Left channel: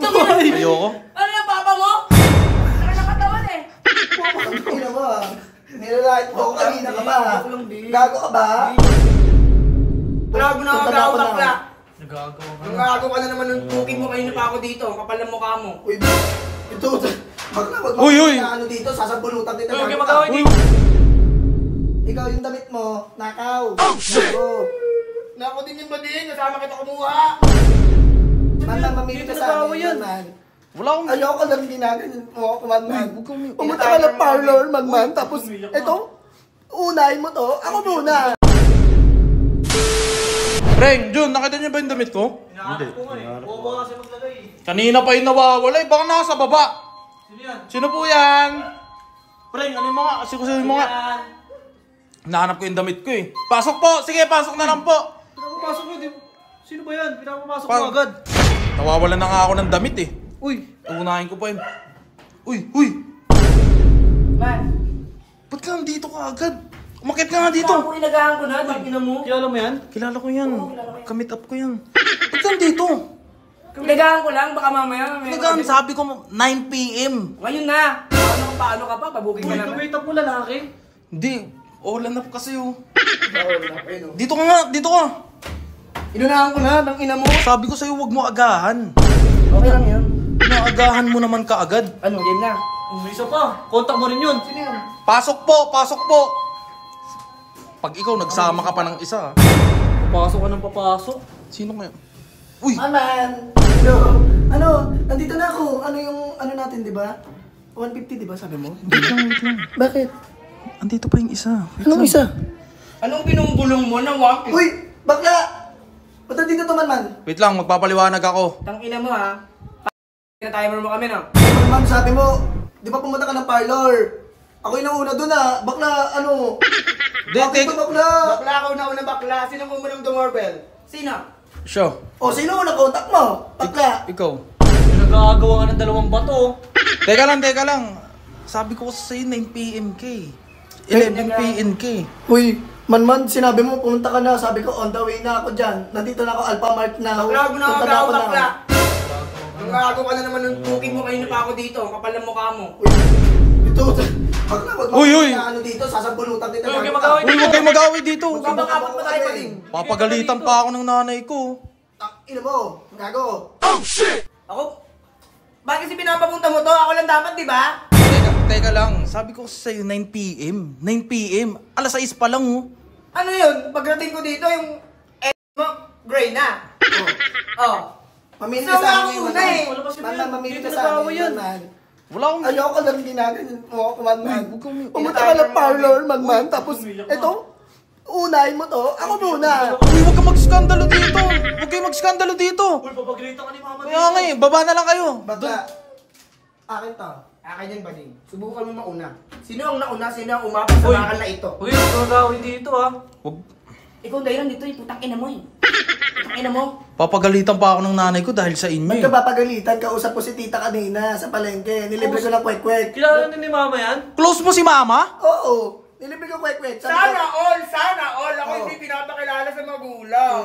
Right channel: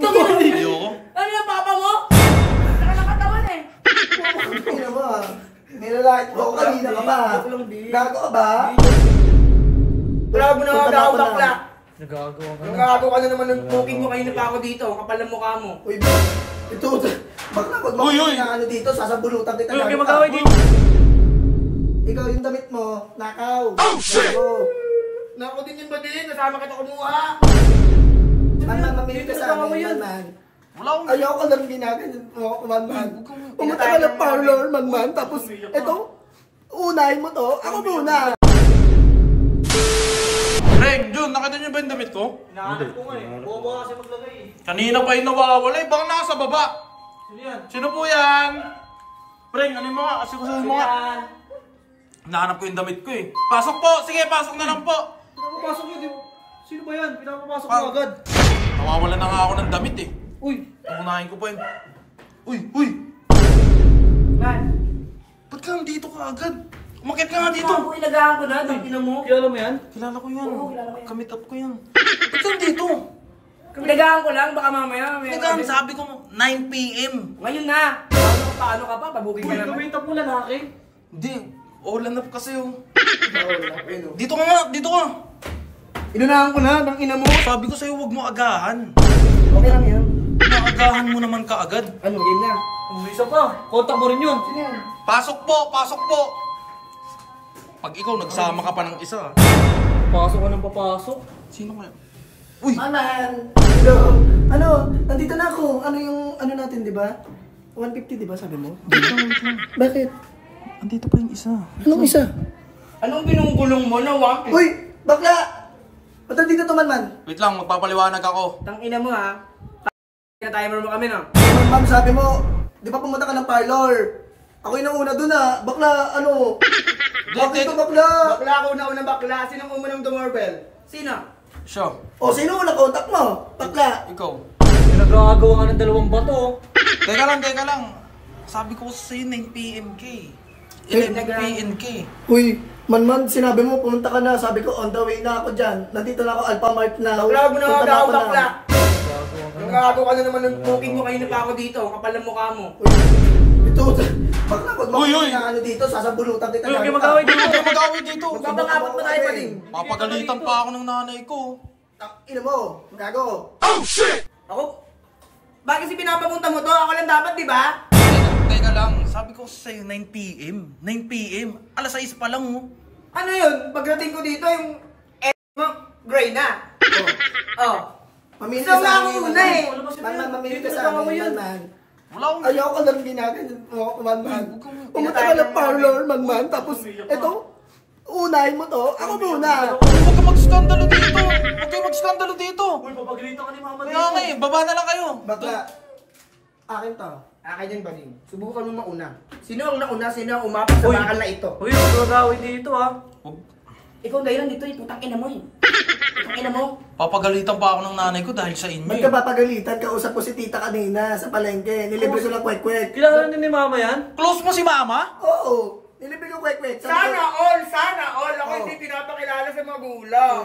Ayoko. Ano yung papa mo? Saka nakatawan eh. Tingnan mo ah. Nilalait mo ako kanina ka pa. Gago ka ba? Grabe na ako daw bakla. Nagagawa ka na. Nagagawa ka na naman ng booking mo kanina pa ako dito. Kapal ng mukha mo. Uy, ito. Wag Uy! na ano dito. Sasabulutan kita. Huwag kayo mag-away dito. Ikaw yung damit mo. Nakaw. Oh, shit! Nako din yung badin. Nasama kita kumuha. Man, mamili ka sa amin, man. Wala akong... Ayoko lang ginaganyan mo, man. Pumunta ka ng parlor, man. Tapos, ito, unahin mo to. Ako muna. Brian, Jun, nakita niyo ba yung damit ko? Hinahanap ko nga eh. Bobo kasi maglagay eh. Kanina pa yung nawawala eh. Baka nasa baba. Sino yan? Sino po yan? Brian, ano yung mga? Kasi ko sa'yo Sino mga. yan? Hinahanap ko yung damit ko eh. Pasok po! Sige, pasok na lang po! Pinapapasok mo, di ba? Sino ba yan? Pinapapasok mo agad. Nawawalan na nga ako ng damit eh. Uy! Unahin ko pa yun. Uy! Man. Ba't lang dito ka agad? Umakit ka nga dito. Ako inagahan ko na. Tangina mo. Kilala mo yan? Kilala ko yan. Kamit up ko yan. Ba't lang dito? Inagahan ko lang. Baka mamaya. Nagkaan sabi ko 9 PM. Ngayon na. Paano ka pa? Pabuking Uy, ka naman. kumita mo lalaki. Hindi. All up kasi oh. Dito ka nga, dito ka. Inunahan ko na. Tangina mo. Sabi ko sa'yo huwag mo agahan. Okay lang yun. Inaagahan mo naman kaagad. Ano? Game na. May isa pa. Kontak mo rin yun. Sino yan? Pasok po, pasok po. Pag ikaw nagsama ka pa ng isa. Papasok ka ng papasok. Sino mo yan? Uy! Man. Hello. Ano? Nandito na ako. Ano yung, ano natin, di ba? 150, di ba, sabi mo? Bakit? Andito pa yung isa. Anong isa? Anong binunggulong mo na wak? Uy! Bakla! Ba't nandito to, man? Wait lang, magpapaliwanag ako. Tangina mo ha. Na tayo mo kami no. Man, sabi mo, di ba pumunta ka ng parlor? Ako yung nauna dun ah. Bakla, ano? Bakit ito, bakla? Bakla ako na unang bakla. Sinong umunang dumorbell? Sino? Siya. O, sino unang contact mo? Bakla. Ikaw. Nagagawa ka ng dalawang bato. Teka lang. Sabi ko sa'yo 9 PM ka eh. 11 PM ka eh. Uy, man, sinabi mo, pumunta ka na. Sabi ko, on the way na ako dyan. Nandito na ako, Alphamart na. Bakla mo na Punta ako na. bakla. Nagagawa ka na naman ng booking mo kanina pa ako dito. Kapal ng mukha mo. Ito, bakla, wag mo Uy! na ano dito, sasabulutan kita. Uy, huwag kayo mag-away Huwag kang mag-away dito. Magpapakabot pa tayo pa din. Papagalitan pa ako ng nanay ko. Ina mo, gago. Ako? Bakit kasi pinapapunta mo to? Ako lang dapat, di ba? Teka lang, sabi ko sa'yo 9 PM. 9 PM. Alas 6 pa lang oh. Ano yun? Pagdating ko dito, yung mo, gray na. Oh. Mamili Isa ka nga sa ako amin. una eh. Man, mamili ka Dito sa nag-away amin, yan. man. Wala akong... Ayoko lang ginaganyan mo, man. Pumunta ka ng parlor, man. Tapos, ito, unahin mo to. Ako muna. Huwag kang mag-skandalo dito. Huwag kang mag-skandalo dito. Uy, papagalitan ka ni mama Wala nga eh, baba na lang kayo. Bakla, akin to. Akin yan, Bading. Subukan mo mauna. Sino ang nauna? Sino ang umapas sa bakal na ito? Uy, nagagawin dito ah. Huwag. Ikaw dahil dito, putang ina mo eh. Putang ina mo. Papagalitan pa ako ng nanay ko dahil sa inyo. Ba't ka papagalitan? Kausap po si tita kanina sa palengke. Nilibre ko ng kwek-kwek. Kilala din ni mama yan? Close mo si mama? Oo, nilibre ko kwek-kwek. Sana all. Ako Oh. hindi pinapakilala sa magulang.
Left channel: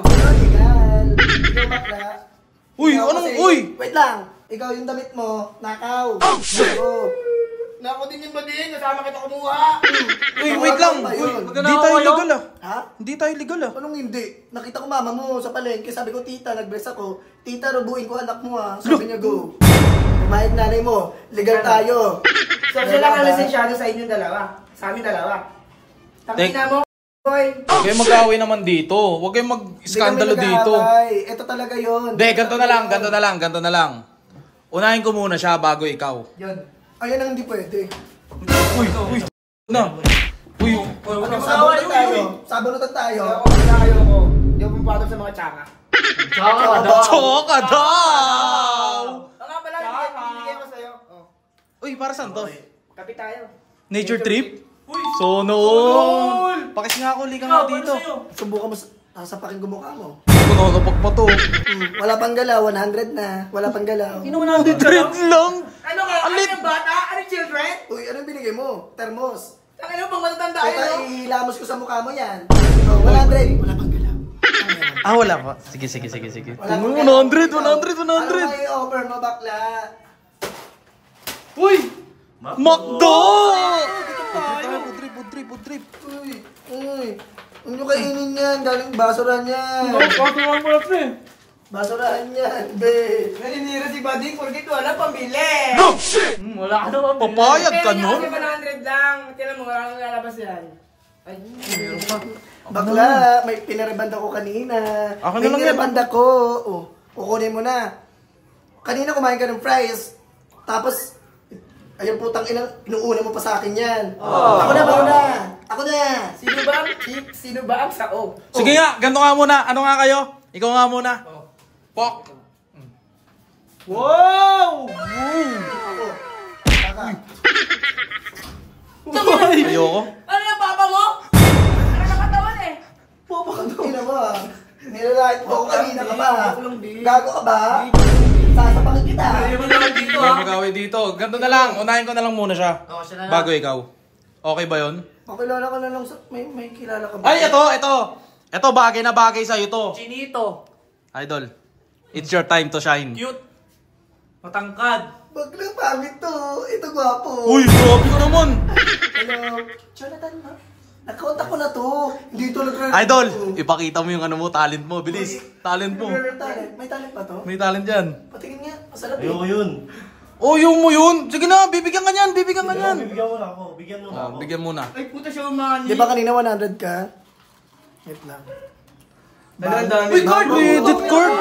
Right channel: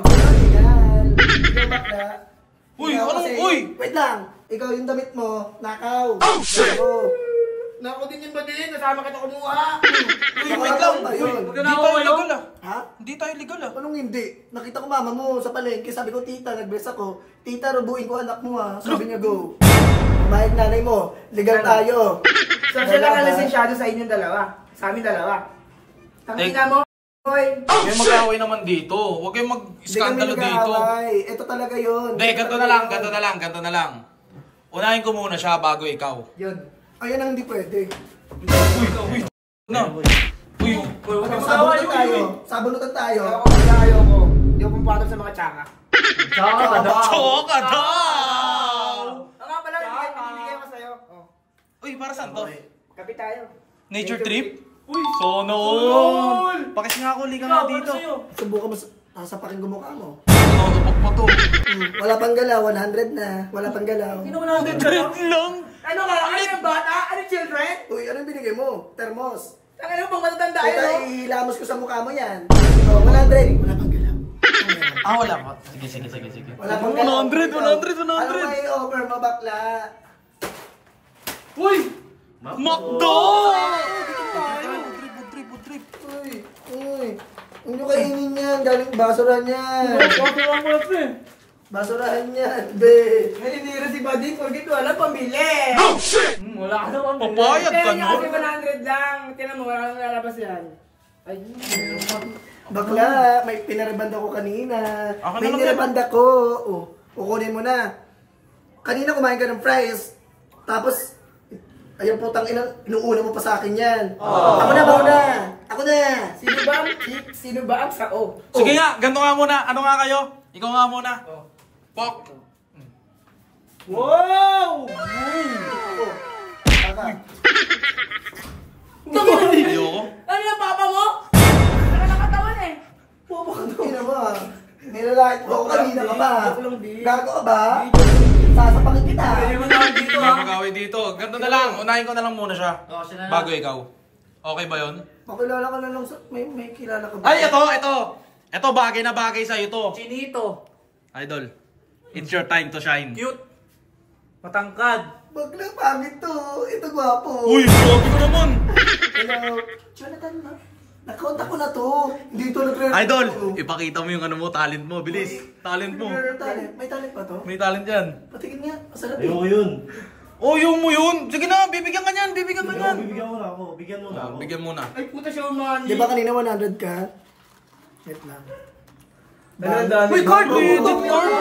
Uy, Ikaw ano? kasi- Uy! Wait lang. Ikaw yung damit mo, nakaw. Oh, shit! Nako din yung badin. Nasama kita kumuha. Uy, wait lang. Ba Uy, yun? hindi tayo legal ah. Ha? Hindi tayo legal ah. Anong hindi? Nakita ko mama mo sa palengke. Sabi ko, tita, nag-bless ako. Tita, rubuin ko anak mo ha. Sabi niya, go. Kumain nanay mo. Legal tayo. So, siya lang ang lisensyado sa inyong dalawa. Sa amin dalawa. Tangina mo. Hoy. Huwag kayong mag-away naman dito. Huwag kayong mag-skandalo dito. Ito talaga yun. Hindi, ganito na lang. Unahin ko muna siya bago ikaw. Yun. Ayun ang hindi pwede. No. Uy, Ano, sabunutan tayo. Ako mag-ayaw ko. Hindi ako pumapatol sa mga tsaka. Tsaka ka daw. choka daw! Oo nga pala, binibigay ako sa'yo. Oh. Uy, para saan to? Kapit tayo. Nature trip? Uy! Sonol! Pakis nga ako, liga nga dito. Subukan mo, sasapakin ko mukha mo. Pinagapak pa to. Wala pang galaw, 100 na. Wala pang galaw. Trip lang! Ano ka? Ano yung bata? Ano yung children? Uy, anong binigay mo? Termos. Ang ano bang matanda Ito, yun? ihilamos ko sa mukha mo yan. Oh, 100. Wala pang galaw. Ah, wala po. Sige. Wala pang 100. Ano may offer mo, bakla? Uy! Makdo! Budrip. Uy, hindi kainin yan. Galing basurahan yan. Basurahan yan, be. Naninira si Buddy, forget wala pambili. Oh, shit! Wala ka naman. Papayag ka, Pero niya no? kasi 100 lang. Tinan mo, wala nang lalabas yan. Ay, Bakla, may pinarebanda ko kanina. Akin May na lang nirebanda ko. Oh, kukunin mo na. Kanina kumain ka ng fries. Tapos, ayun putang ina, inuuna mo pa sa akin yan. Ako na. sino ba ang sao? Sige nga, ganito nga muna. Ano nga kayo? Ikaw nga muna. Pok! Wow! Ayoko. Ano yung papa mo? Ano nakatawan eh? Ina mo ah. Nilalait mo ako kanina ka ba? Walang di. Gago ka ba? Sasapakin kita. Dito May mag-away dito. Ganito na lang. Unahin ko na lang muna siya. siya na lang. Bago ikaw. Okay ba yun? Pakilala ko na lang sa... May kilala ka ba? Ay, ito. Ito, bagay na bagay sa'yo to. Chinito. Idol, it's your time to shine. Cute. Matangkad. Bagla, pangit to. Ito gwapo. Uy, grabe ka naman. Hello. Jonathan, ma. Nakontak ko na to. Hindi to Idol, ipakita mo yung ano mo, talent mo. Bilis, talent mo. Talent. May talent pa to? May talent yan. Patikin nga. Masarap eh. Ayoko yun. Oh, yung mo yun. Sige na, bibigyan ka niyan. Bigyan mo na ako. Bigyan mo na. Ay puta siya umani. Di ba kanina 100 ka? Wait lang. Uy, card! Edit card!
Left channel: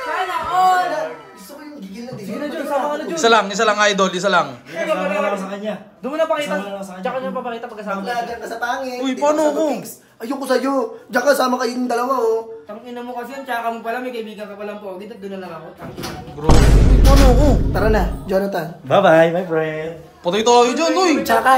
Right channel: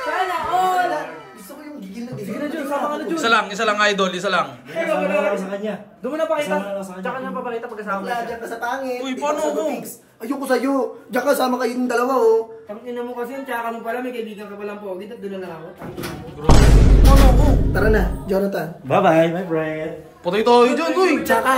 Sana all. Gusto ko yung gigil na din. Sige na, John. Sama ka na, John. Isa lang, idol, isa lang. Sama na ako sa kanya. Doon mo na pakita. Sama na ako sa kanya. Tsaka na papakita pagkasama Bakla, siya. dyan ka sa pangit. Uy, Dito paano ka sa ako? Butix. Ayoko sa'yo. Diyan ka sama kayo yung dalawa oh. Tangina mo kasi yun, tsaka mo pala, may kaibigan ka palang pogi, at doon na lang ako. Tangina mo. Tara na, Jonathan. Bye-bye, my friend. Patay tayo dyan, uy. Tsaka.